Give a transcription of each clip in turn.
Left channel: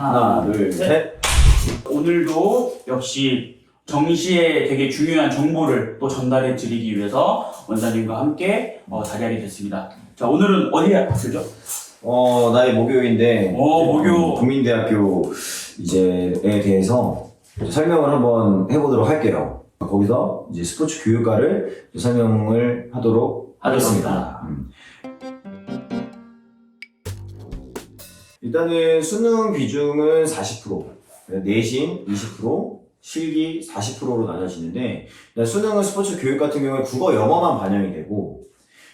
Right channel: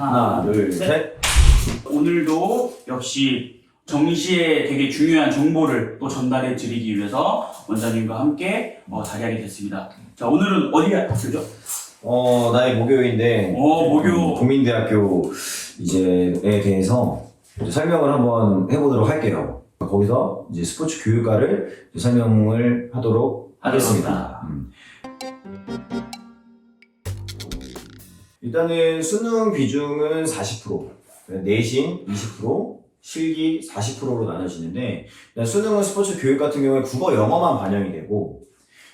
하나, 둘, 셋. 오늘도 역시 정시에 되게 중요한 정보를 또 전달해 드리기 위해서 원장님과 함께 자리하게 됐습니다. 자, 오늘은 어디에 갔었죠? 나의 모교인데 모교. 국민대학교 이제에 대해서 설명을 한번 해보도록 할게요. 거기서 이제 스포츠 교육과를 설명을 하도록 하겠습니다. 일단은 수능 비중은 40%, 내신 20%, 실기 40%로 나눠지는데, 일단 수능은 스포츠 교육 같은 경우에 국어, 영어만 반영이 되고,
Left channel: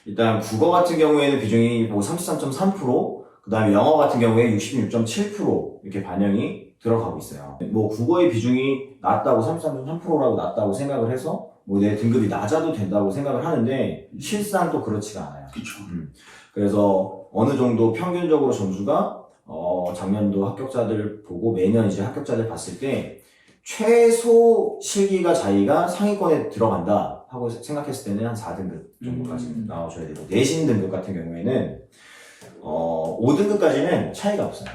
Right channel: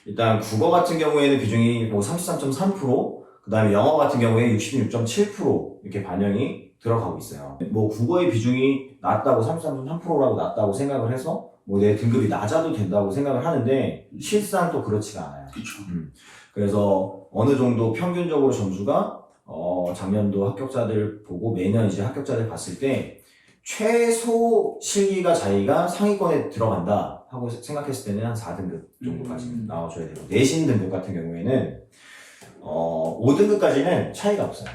일단 국어 같은 경우에는 비중이 33.3%, 그 다음에 영어 같은 경우에 66.7% 이렇게 반영이 들어가고 있어요. 뭐 국어의 비중이 낮다고 33.3%라고 낮다고 생각을 해서 뭐 내 등급이 낮아도 된다고 생각을 하는데 실상 또 그렇지가 않아요. 그렇죠. 그래서 어느 정도 평균적으로 점수가 작년도 합격자들 보고 매년 이제 합격자들 봤을 때 최소 실기가 자기가 상위권에 들어간다 하고 생각했을 때는 한 4등급 정도까지 나와줘야 되고, 내신 등급 같은 경우에는 5등급까지는 차이가 없어요.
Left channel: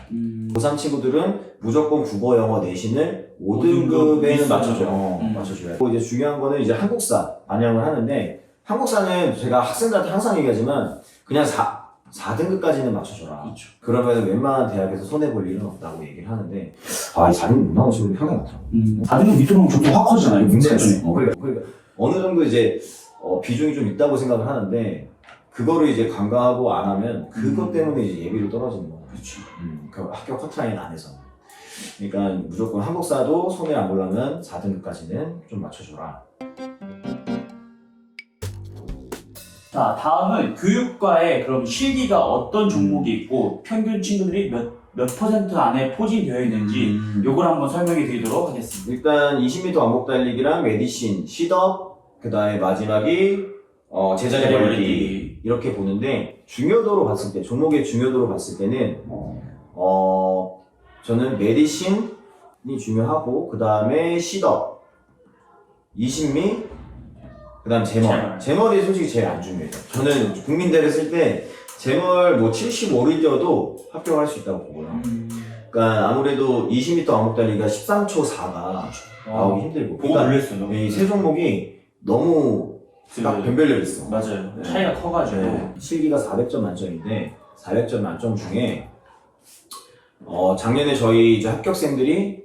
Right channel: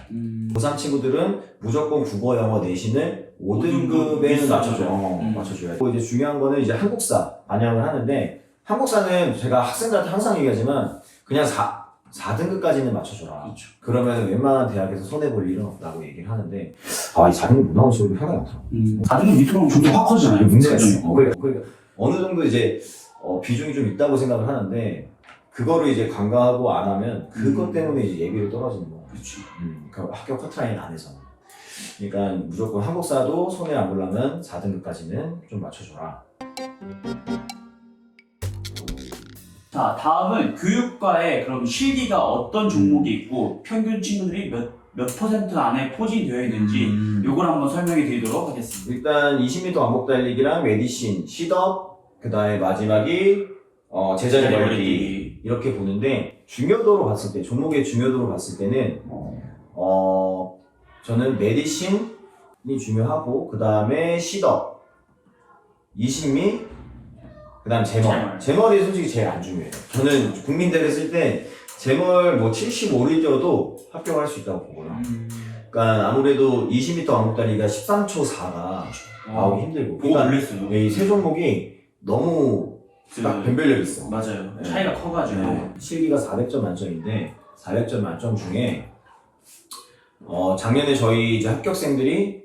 고3 친구들은 무조건 국어, 영어, 내신을 5등급에는 맞춰줘야 돼요. 이제 중요한 거는 이제 한국사 반영을 하는데, 한국사는 제가 학생들한테 항상 얘기하지만 그냥 4등급까지는 맞춰줘라. 그렇죠. 그러면 웬만한 대학에서 손해볼 일은 없다고 얘기를 하는데, 이 4등급 못 나온 친구들 상당히 많더라고요. 4등급 밑으로 가면 점수 확 커지잖아요. 그러니까 어느 정도 이제 비중이 좀 있다고 생각을 하는데, 그거를 이제 간과하고 안 하면 그것 때문에 이제 예비로 떨어지는 거예요. 그렇죠. 그 합격 커트라인 안에서. 그러니까 무조건 한국사도 손해 안 보려면 4등급까지는 좀 맞춰줘라. 자, 다음은 교육과에 그럼 실기가 어떤 종목이 있고 평균 친구들이 몇 퍼센트 안에 포진되어 있는지 요걸 한번 설명해 드리도록 하겠습니다. 일단 20m 왕복 달리기랑 메디신, 시덥, 그 다음에 마지막이 제자리 멀리 이렇게 보는데, 중요도로 봤을 때, 종목의 중요도로 봤을 때는 저는 메디신이 중요하고, 그 다음에 시덥, 20미, 그 다음 제멀이 솔직히 제일 안 중요해요. 저는 국민대를 쓸 때 제멀 뭐 75를 뛰어도 합격할 수 있다고 보고요. 그러니까 아무래도 20m 왕복 달리기가 13초 4가 나오기 힘들고, 보고 놀랬어요. 이 세 종목이 너무 딱 변별력이 있어. 맞아요. 네. 차이가 커가지고. 네. 실기가 400점 만점인데 400점 만점 중에 작년에 저희 이제 합격생들이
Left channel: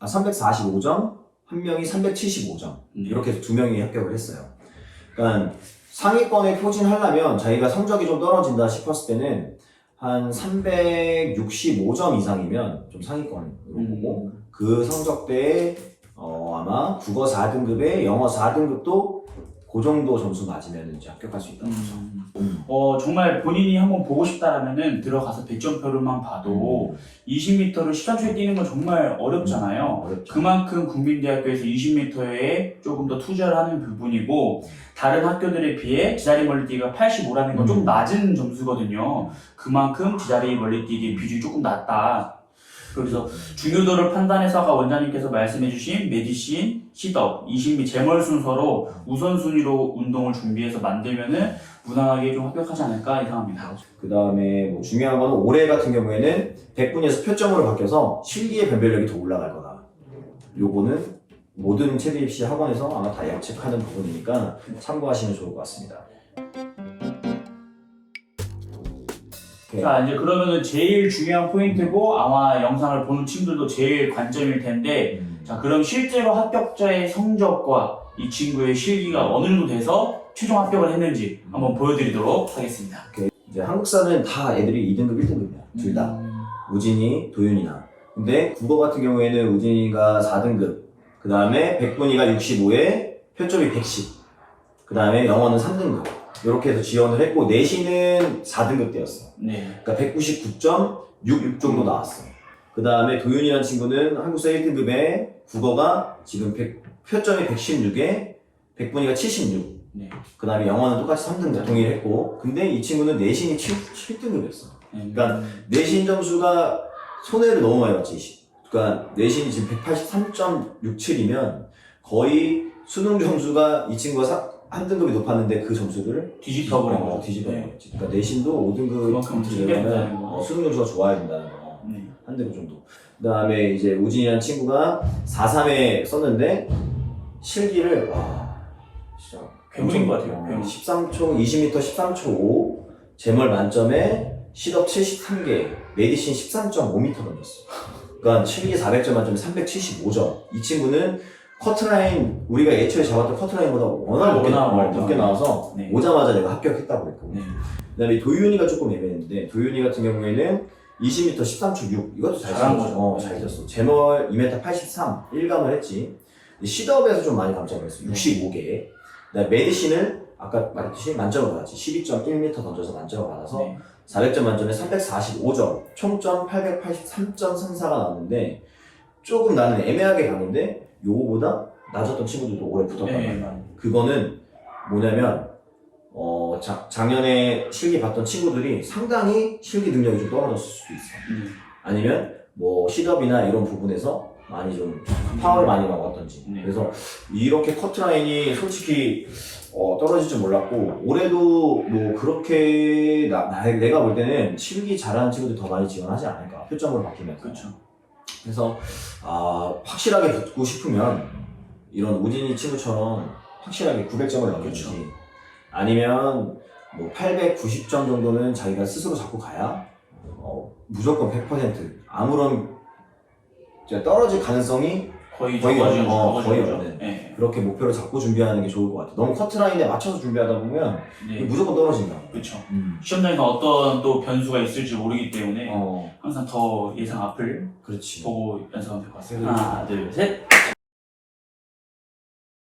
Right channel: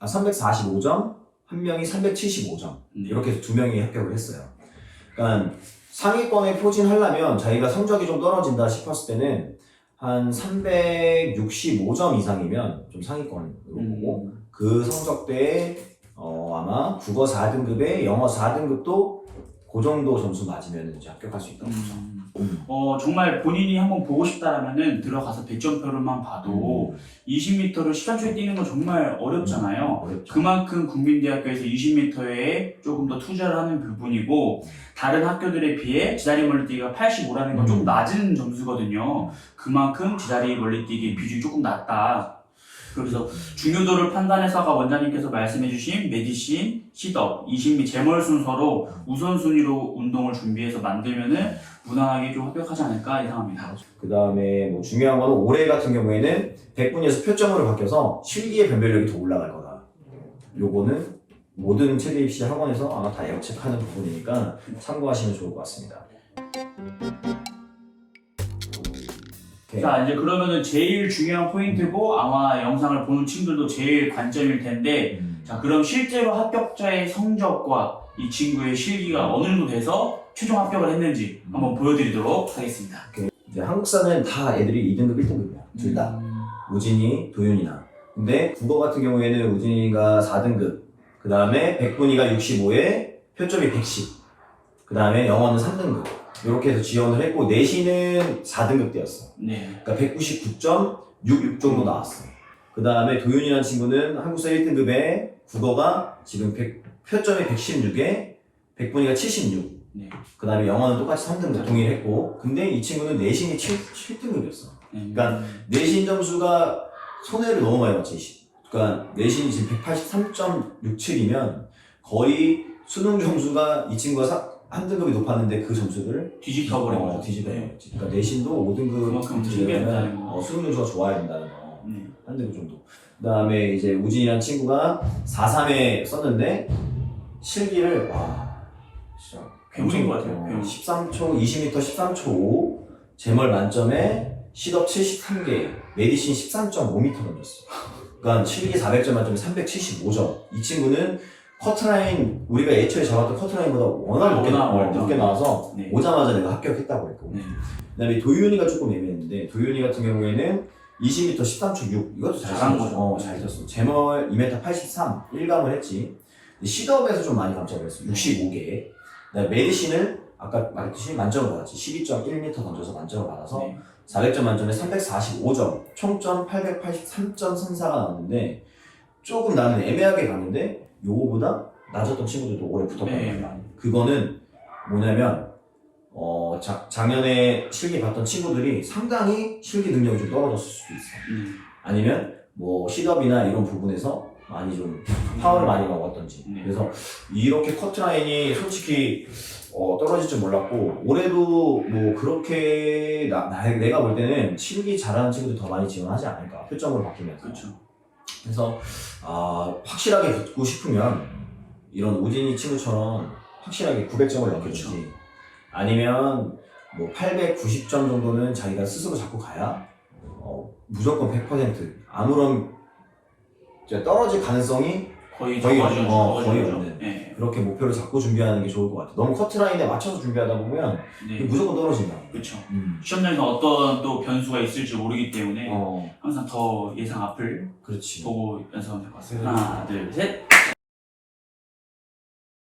345점, 한 명이 375점 이렇게 해서 두 명이 합격을 했어요. 그러니까 상위권에 포진하려면 자기가 성적이 좀 떨어진다 싶었을 때는 한 365점 이상이면 좀 상위권으로 보고, 그 성적대에 아마 국어 4등급에 영어 4등급도 그 정도 점수 맞으면 이제 합격할 수 있다고 보죠. 정말 본인이 한번 보고 싶다라면은 들어가서 배점표를만 봐도 20m를 13초에 뛰는 건 정말 어렵잖아요. 어렵죠. 그만큼 국민대학교에서 20m에 조금 더 투자를 하는 부분이고, 다른 학교들에 비해 제자리 멀리뛰기가 85라는 건 조금 낮은 점수거든요. 그만큼 제자리 멀리뛰기 비중이 조금 낮다. 그래서 중요도를 판단해서 아까 원장님께서 말씀해주신 메디신, 시덥, 20미, 제멀 순서로 우선순위로 운동을 준비해서 만들면은 무난하게 좀 합격하지 않을까 예상합니다. 그 다음에 뭐 중요한 거는 올해 같은 경우에는 100분위에서 표점으로 바뀌어서 실기의 변별력이 더 올라갈 거다. 요거는 모든 체대 입시 학원에서 아마 다 예측하는 부분이니까 참고하시면 좋을 것 같습니다. 자, 이제 그러면은 제일 중요한 포인트고 아마 영상을 보는 친구들도 제일 관점일 텐데, 자, 그럼 실제로 합격자의 성적과 이 친구의 실기가 어느 정도 돼서 최종 합격을 했는지 한번 보여드리도록 하겠습니다. 이제 한국사는 다 애들이 2등급, 1등급이야. 둘 다. 우진이, 도윤이나. 근데 국어 같은 경우에는 우진이가 4등급, 그 다음에 백분위가 65에 표점이 110, 그 다음에 영어는 3등급. 이렇게 해서 지원을 했고, 내신은 4등급 대였어. 네. 그러니까 199.6 정도 나왔어. 그 다음에 도윤이라는 친구는 한국사 1등급에 국어가 지금 표점이 116에 백분위가 76. 네. 그 다음에 영어는 똑같이 3등급 동일했고, 근데 이 친구는 내신이 7등급이었어. 그러니까 내신 점수가 손해를 너무 많이 봤지. 그러니까 내신이 지금 183.67이면 거의 수능 점수가 이 친구가 한 등급이 높았는데 그 점수를 뒤집어버린 거죠. 뒤집어버렸지. 그러니까 내신도 5등급 그만큼 들려면 준비한다는 거. 수능 점수가 좋아야 된다는 거. 한 대구 정도. 그 다음에 이제 우진이라는 친구가 4.3에 썼는데 실기를 와 진짜 괴물인 것 같아요. 괴물. 13초 20m 13초 5 제멀 만점에 시덥 73개 메디신 13.5m 던졌어. 그러니까 실기 400점 만점에 375점. 이 친구는 커트라인 우리가 애초에 잡았던 커트라인보다 워낙 높게 나와서 네. 오자마자 내가 합격했다고 했고. 네. 그다음에 도윤이가 조금 애매했는데 도윤이 같은 경우에는 20m 13초 6 이것도 잘 잘한 쳤어. 거죠. 잘 쳤어. 제멀 2m 83 1감을 했지. 시덥에서 좀 많이 감점을 했어. 65개. 그다음에 메디신을 아까 말했듯이 만점을 받았지. 12.1m 던져서 만점을 받아서 네. 400점 만점에 345점, 총점 883.34가 나왔는데 조금 나는 애매하게 갔는데 요거보다 낮았던 친구들도 오래 붙었단 말이야. 그거는 뭐냐면 작년에 실기 봤던 친구들이 상당히 실기 능력이 좀 떨어졌을 수도 있어. 아니면 뭐 시덥이나 이런 부분에서 많이 좀 파워를 많이 먹었던지. 그래서 이렇게 커트라인이 솔직히 떨어질 줄 몰랐고 올해도 뭐 그렇게 내가 볼 때는 실기 잘하는 친구들 더 많이 지원하지 않을까 표점으로 바뀌면서. 그렇죠. 그래서 확실하게 붙고 싶으면 이런 우진이 친구처럼 확실하게 900점을 넘기든지 그렇죠. 아니면 뭐 890점 정도는 자기가 스스로 잡고 가야 무조건 100% 아무런 떨어질 가능성이 거의 없는. 네. 그렇게 목표를 잡고 준비하는 게 좋을 것 같아요. 너무 커트라인에 맞춰서 준비하다 보면 네. 무조건 떨어진다. 그렇죠. 시험장에서 어떤 또 변수가 있을지 모르기 때문에 어, 항상 더 예상 앞을 그렇지. 보고 연습하면 될 것 같습니다. 그래도 하나, 둘, 셋.